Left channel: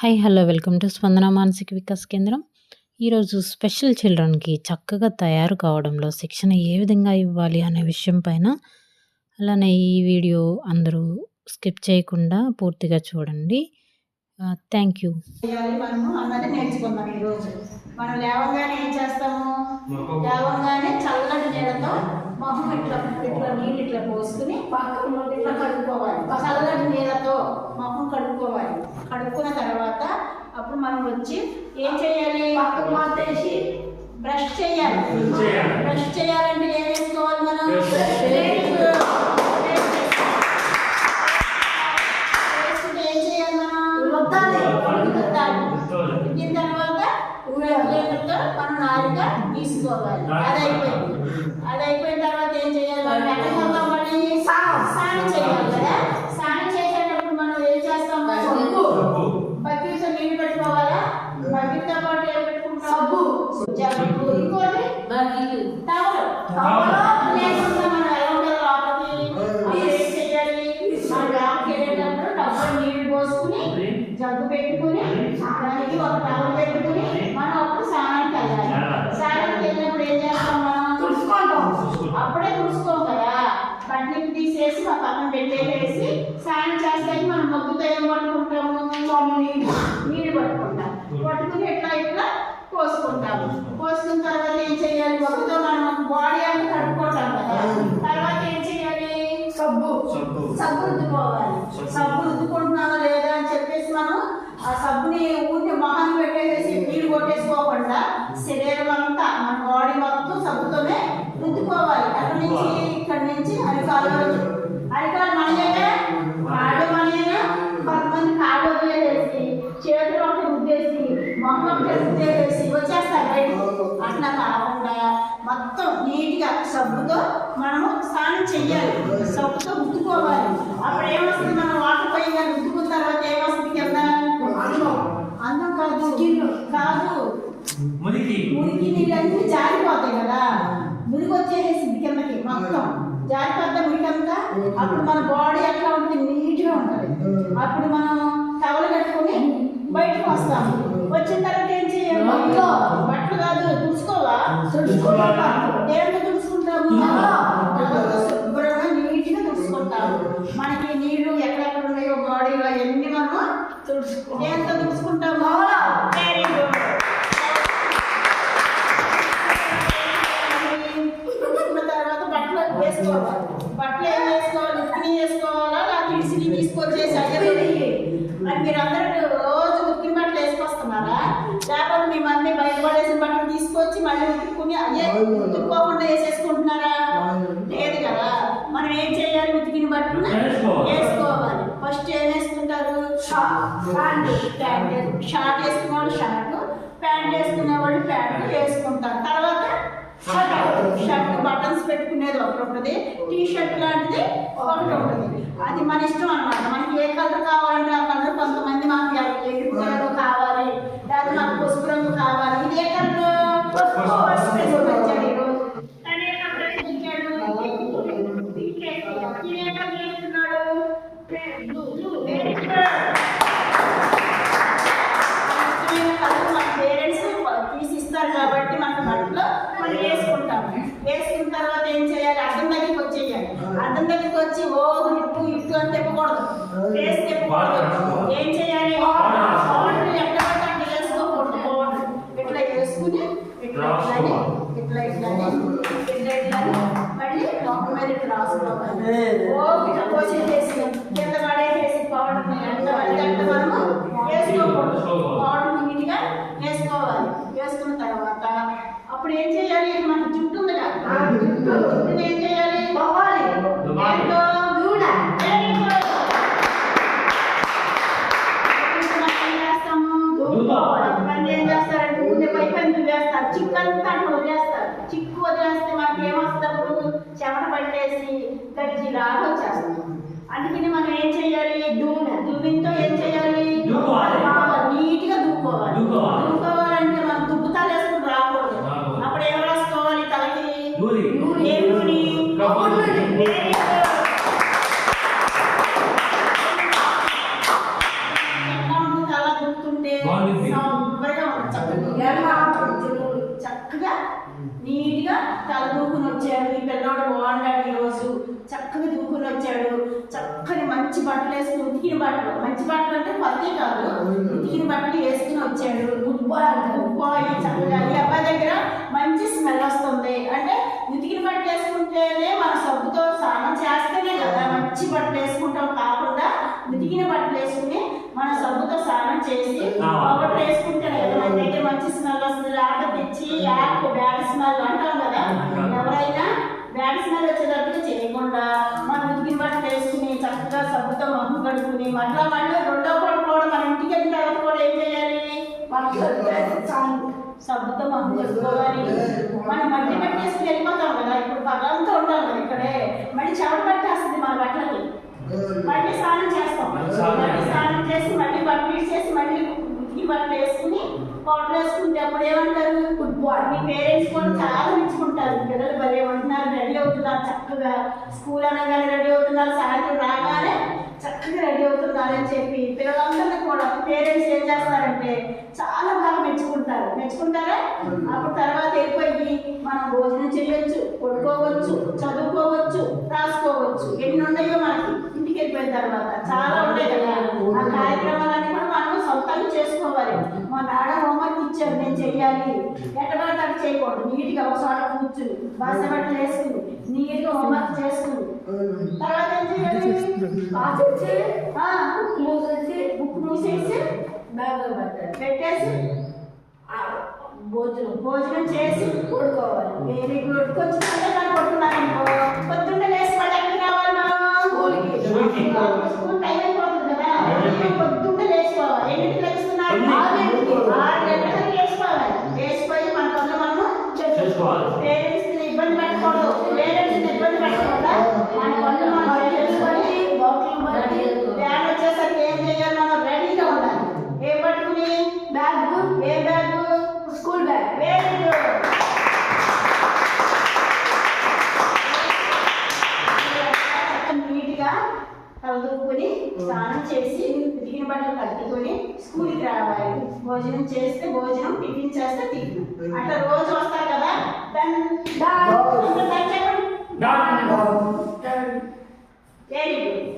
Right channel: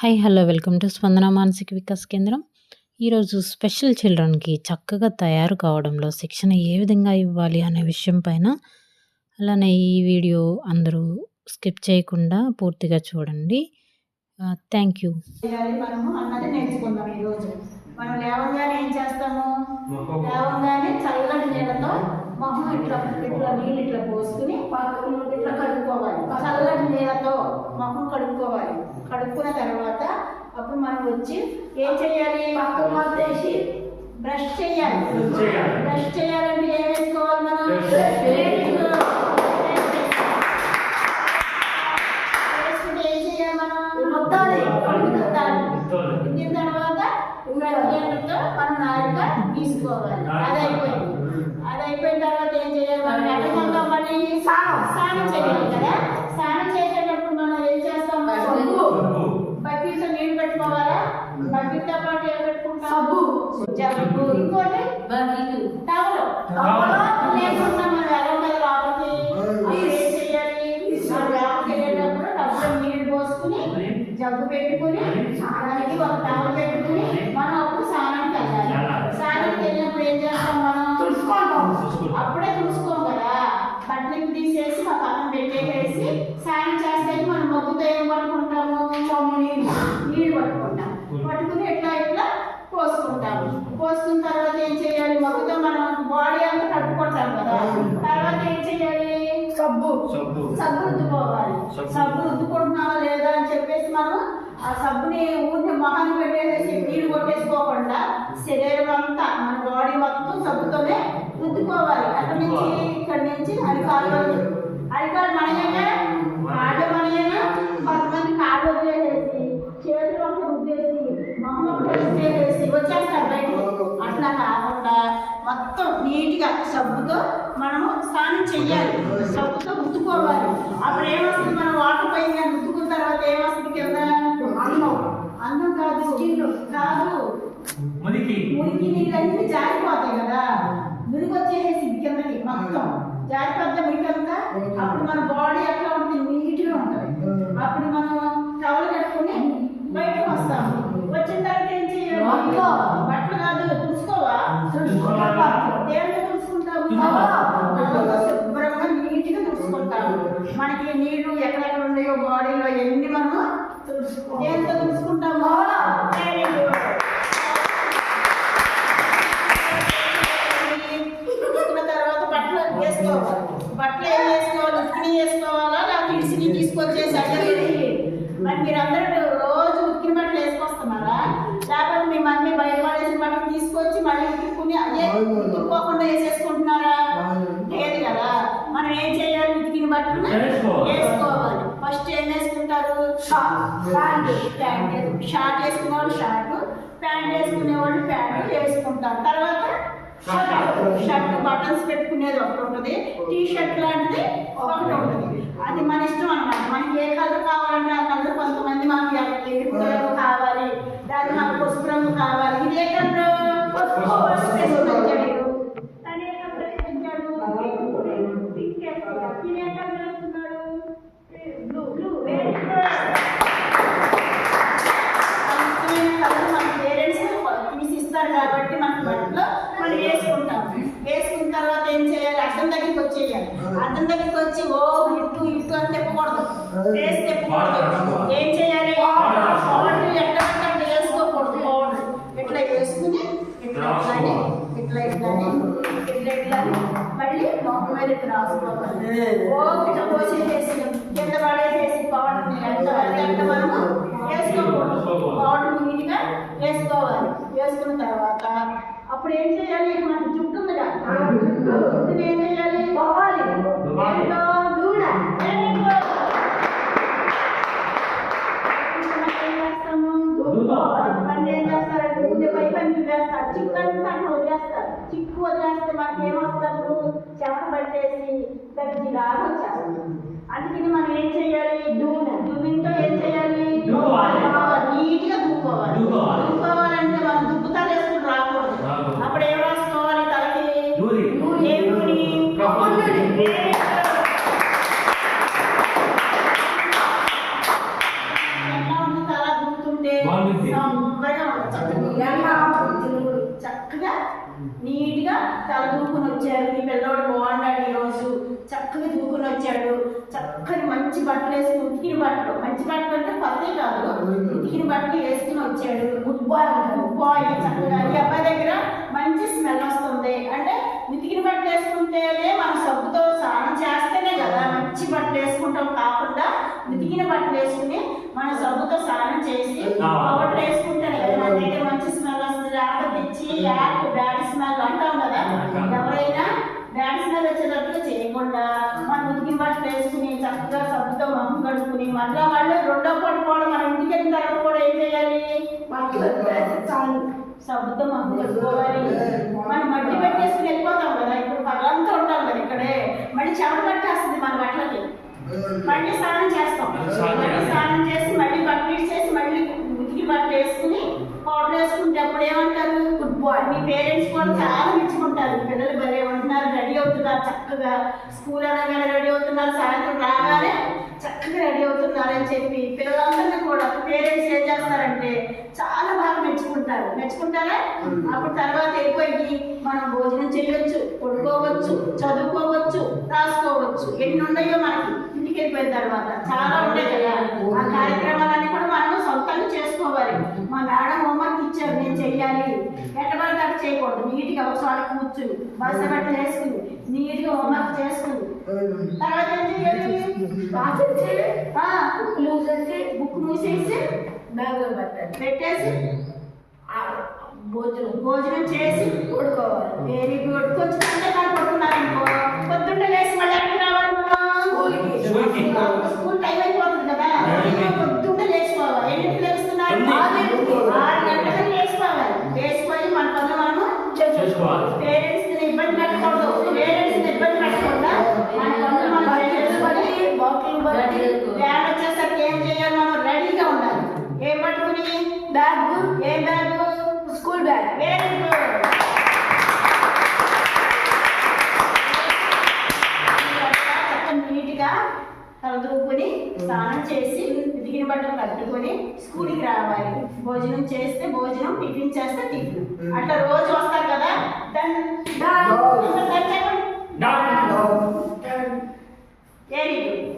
Hi hello welcome to స్పందన మానసిక వికాస్ కేంద్రం. ఈరోజు స్పెషల్ చిల్డ్రన్కి చక్కగా తయారు కావడంలో శిక్షణ ఏ విధంగా ఇవ్వాలి అనే విషయం పైన, అలానే ఈ వీడియో అందరూ స్కిప్ చేయకుండా పూర్తిగా చూడండి. Thank you. మనము అన్నది నేర్చుకుందాం. ఈరోజు మనం లేవగానే ఏం చేస్తాము? లేవగానే చల్లటి నీళ్ళతో మొహం ఇట్లా నీళ్ళు ఇట్లా పోసుకుని ఇట్లా కడుక్కోవాలి. చల్లటి నీళ్ళతో మొహం కడుక్కోవాలి. కడుక్కున్న తర్వాత అప్పుడు మనం వచ్చి ఏం చేయాలి? వేసి బ్రష్ చేయాలి. బ్రష్ చేయాలంటే ఏం వేసుకోవాలి? మనం ఉడికిన తర్వాత ఉల్లిగడ్డతో మనం నాలుగా తీసుకోవాలి. అది అయిపోయిన తర్వాత ఏం చేయాలి? మనం వెనకంగా మళ్ళీ స్నానం చేయాలి కదా. స్నానం చేసేటప్పుడు మనం ఏం చేస్తాము? బకెట్తో నీళ్ళు పెట్టుకోవాలా. బకెట్తో పాటు ఏం పెట్టుకుంటాం? సబ్బు, ఇంకోటి టవల్. లేకుండా మనం వెళ్ళం కదా లోపలికి. ఏం చేయాలి? మనం లోపలికి వెళ్ళేటప్పుడు టబ్బులో నీళ్ళు పోసుకుని జగ్గు పెట్టుకుని దానికి ఒక టవల్ పెట్టుకుని మనం అప్పుడు స్నానానికి వెళ్ళాలి. స్నానానికి వెళ్ళినప్పుడు ఏం చేస్తాం? మనం తుడుచుకుంటాం. అప్పుడే తుడుచుకోం కదా. బట్టలు తీసేసి మా పక్కన పెట్టేసి స్నానం చేస్తాయి. మనం మొగ్గుతో ఏం పట్టుకుంటాము? నీళ్ళు పట్టుకుంటాం. పట్టుకుని ఇట్లా పోసుకుంటాము. పోసుకున్న తర్వాత ఏం చేయాలి? మొగ్గుతో మనం బాడీ అంతా కట్టుకుంటాం కదా. తర్వాత ఏం చేయాలి? సబ్బు రుద్దుకోవాలి. సబ్బు రుద్దుకుంటున్నావా లేదా అని చెప్పేసి మనం ఆ సబ్బుని ఊరిని మొహాన్ని పెట్టేసి నీళ్ళు కొట్టేసుకోకుండా శరీరం అంతా మన బాడీ మొత్తం సబ్బుతోనే రుద్దుకోవాలి. అక్కడి నుంచి ఇక్కడి నుంచి అరికాలు మనయేనా, కాళ్ళు మనయేనా. కొంతమంది కాళ్ళు వదిలేసి చేతులు ఒకటి రుద్దేసి మొహం ఒకటి రుద్దేసి వచ్చేస్తారు బయటకు. అట్లా కాకుండా మొత్తం నీట్గా సబ్బుతో మనము స్నానం చెయ్యాలి. సబ్బుతో రుద్దుకోవాలి. అప్పుడు ఏమొస్తుంది? మనం వాటర్ పైన రుద్దుకున్న తర్వాత ఏమొస్తుంది? కింద అందం కాదు మురికి నీళ్ళన్నీ జారిపోతాయి కదా. మురికి వచ్చేసి కిందకి మొత్తం జారిపోద్దా మురికంతా. అప్పుడు మన బాడీ ఎట్లా ఉంటుంది? నీట్గా ఉంటుంది. అప్పుడు మనం టవల్ కట్టుకుని బయటకు వస్తాము. వచ్చిన తర్వాత ఏం చేయాలి? బట్టలు కాదు, తుడుచుకోవా? దేంట్లో తుడుచుకుంటాము? శుభ్రంగా నీట్గా తుడుచుకుంటాము. మనకి నీళ్లు ఎక్కడెక్కడ ఉన్నాయో బాడీలో ఎన్ని మనం దేంతో తుడుచుకుంటాము? Very good. తుడుచుకున్న తర్వాత బట్టలు వేసుకోవాలి. బట్టలు ఏం వేసుకోవాలి? ఉతికిని వేసుకోవాలా లేకపోతే ఇడిసిని తీసుకొచ్చేసి మరి మీరందరూ రోజు ఉతికిన బట్టలు వేసుకొస్తున్నారా? లేకపోతే మీ మమ్మీ బయటపడేసిన బట్టలు తీసుకొచ్చి మళ్ళీ ఉతుక్కుని అదే ఉతుక్కోకుండా వేసేసుకుంటున్నారా? లేదు కదా. మనం ఏం చేయాలి? ఉతికిన బట్టలు వేసుకోవాలి. ఫస్ట్ ఏం వేసుకుంటారు? షార్ట్ వేసుకునే వాళ్ళు షార్ట్, ప్యాంట్ వేసుకునే వాళ్ళు ప్యాంట్ వేసుకుంటారు. తర్వాత షర్ట్ బటన్స్ పెట్టుకునేది ఒకటి ఉంటుంది, టీ షర్ట్ లాంటిది ఒకటి ఉంటుంది. అది మన ఇష్టం అనమాట. మనకి ఏ కలర్ కావాలంటే ఆ కలర్. కొంతమంది మనకి ఎరుపు రంగు కావాలి, లేదా మనకు పసుపు రంగు కావాలి. ఇది ఏ కలర్? పసుపు వేసుకొచ్చాడు ఈరోజు. తను ఏ కలర్ వేసుకొచ్చాడు? ఇది ఏ కలర్ వేసుకున్నాడు? బ్లూ. Very good. మన పేరెంట్స్ తీసిస్తారు కాబట్టి మనకు బట్టలు మనం వేసుకుంటాం. వేసుకున్న తర్వాత ఏం చేయాలి? అద్దం దగ్గరికి వచ్చేయాలి. అద్దం దగ్గరికి వచ్చి ఇటు అని తిప్పకూడదు, ఫేస్ తిప్పకూడదు. ఏం చేయాలి? పౌడర్ ఎట్లా అంటే వేసుకోకూడదు. పౌడర్ ఇట్లా వేసుకుని ఇట్లా మళ్ళీ మొహం మీద ఇట్లా రాసుకోవాలి. ఇట్లా పోసేసి కింద పడేసేసి పౌడర్ని ఎంత పడితే అంత మనము వేసుకోకూడదు. పౌడర్ నీట్గా వేసుకోవాలి. వేసుకున్న తర్వాత అప్పుడు ఏం చేయాలి? మనకి జుట్టు ఉంది కదా, జుట్టుని ఏం చేయాలి? పోవాలి. ఏం చేస్తాము? కొంతమంది ఏం చేస్తారంటే ముందే పైపంది వేస్తారు, చిక్కంతా అట్లా వదిలేస్తారు. చిక్కు వదిలేస్తే మనకి ఏమొస్తారు? చెమట పట్టేసి గడ్జిలాగా వచ్చేస్తుంది. అందుకని మనం ఏం చేయాలి? దువ్వితో ఏం చేయాలి? నీట్గా దువ్వుకోవాలి. దువ్వుకోవాలంటే మనం దుబ్బుతాలు వేసుకుని రాకూడదు. అప్పుడు ఏం రాసుకోవాలి? తలకి ఏం నూనె? ఎట్లా ఉంటుంది? తల దువ్వుతుంటే సంబరంగా ఉంటుంది. చక్కగా నీట్గా తల దూకుని వచ్చాడు. ఈ పిల్లవాడు బాగున్నాడు, ఈరోజు చక్కగా దూకుని వచ్చాడు. చక్కని మంచి బట్టలు వేసుకుని, ఉతికిన బట్టలు, మంచి బట్టలు అంటే పత్తే కాదు, ఉతికిన బట్టలు వేసుకుని వచ్చాడు. గుడ్ బాయ్ చక్కగా. ఈ అబ్బాయి దగ్గర మంచి స్మెల్ వస్తుంది. అంటే ఉతికిన బట్టలు వేసుకుంటేనే మన సబ్బుతో స్నానం చేస్తేనే కదా మంచి బట్టలు వేసుకుంటాం. కాకుండా ఉతికిన బట్టలు వేసుకుని మన సబ్బుతో స్నానం చేసి పౌడర్ వేసుకుంటేనే కదా మన దగ్గర మంచి స్మెల్ వస్తుంది. ఆపదిచ్చి బ్యాడ్ స్మెల్ అంటాం కదా, ఎవరైనా బ్యాడ్ స్మెల్ వచ్చేటట్టుగా చేయకుండా మనం ఉతికిన బట్టలు వేసుకుని చక్కగా సబ్బుతో మొహం కడుక్కుని మళ్ళీ రెండో పూట కూడా మన ఇంటికి వెళ్ళిన తర్వాత కూడా ఏం చేయాలి, సబ్బుతో మొహం కడుక్కోవాలి. మనం మట్టి పెట్టేసుకుని వెళ్ళిపోతాం కదా, ఇప్పుడు పగలంతా ఉంటాం కదా ఇక్కడే, మళ్ళీ చెమట పట్టేస్తుంది మన బట్టలకి. మళ్ళీ స్నానం చేస్తాం, మళ్ళీ స్నానం చేసి మళ్ళీ బట్టలు చేసి మళ్ళీ ఉతికి బట్టలు వేసుకుని పౌడర్ వేసుకుంటే అప్పుడు ఏమంటారు, గుడ్ బాయ్. మీ పేరెంట్స్ కూడా చాలా మెచ్చుకుంటారు. పిల్లలు భలే ఉంటున్నారు, రెడీ అవుతున్నారు చక్కగా, స్కూల్ అనగానే రెడీ అవుతున్నారు, సాయంత్రం రాగానే చక్కగా రెడీ అవుతున్నారు అని చెప్పి పిల్లలందరినీ కూడా పేరెంట్స్ ఏం చేస్తారంటే చాలా బాగా మెచ్చుకుంటారా. అప్పుడు తర్వాత వెళ్ళిపోయి మనం భోజనం చేయొచ్చు, పడుకోవచ్చు, చదువుకోవచ్చు, రాసుకోవచ్చు. ఎన్ని ఉన్నాయో మనకి ఇంటికి వెళ్ళిపోయిన తర్వాత చాలా ఉంటాయి కదా. ఆ కార్యక్రమాలన్నీ కూడా మనం సొంతంగా చేసుకోవాలి. మా మేడం హోంవర్క్ ఇచ్చారు, నేను చెయ్యాలి, ఎక్కడబడితే అక్కడ చేయకూడదు. నీట్గా ఒకసారి కూర్చుని బస్సు బట్టలు వేసుకుని నీట్గా హోంవర్క్ చేసుకుని తర్వాత ఏం చేయాలి, బుక్ మూసేసి పెట్టేసి భోజనం చేసి పడుకోవాలి. Very good. కొంచెం పడుకున్నారనుకో పొద్దున్న లేసి మళ్ళీ ఎక్కడికి రావాలి, మనం స్కూల్ టైం అయిపోతుంది కదా, పొద్దున్న లేచిపోవాలి. ఎన్నింటికి లేస్తున్నారు, 6 గంటలకు లేచిపోవాలి. లేచిపోయి మన పనులు మనము చేసుకోవాలి. పేరెంట్స్ ఇబ్బంది పెట్టకూడదు, మన పనులు మనం చేసుకొని వ్యాన్ వచ్చేసరికి ఏం చేయాలి, మనం రెడీగా ఉండాలి. ఏం పట్టుకుని, ఏ bag, school bag. Very good. నీట్గా చదువుకుని స్నానం చేసి ఉతికిన బట్టలు కట్టుకొని స్కూల్కి రావాలి. భోజనం చేస్తే భోజనం, టిఫిన్ చేస్తే టిఫిన్. అట్లా రోజు వస్తారు కదా. Very good.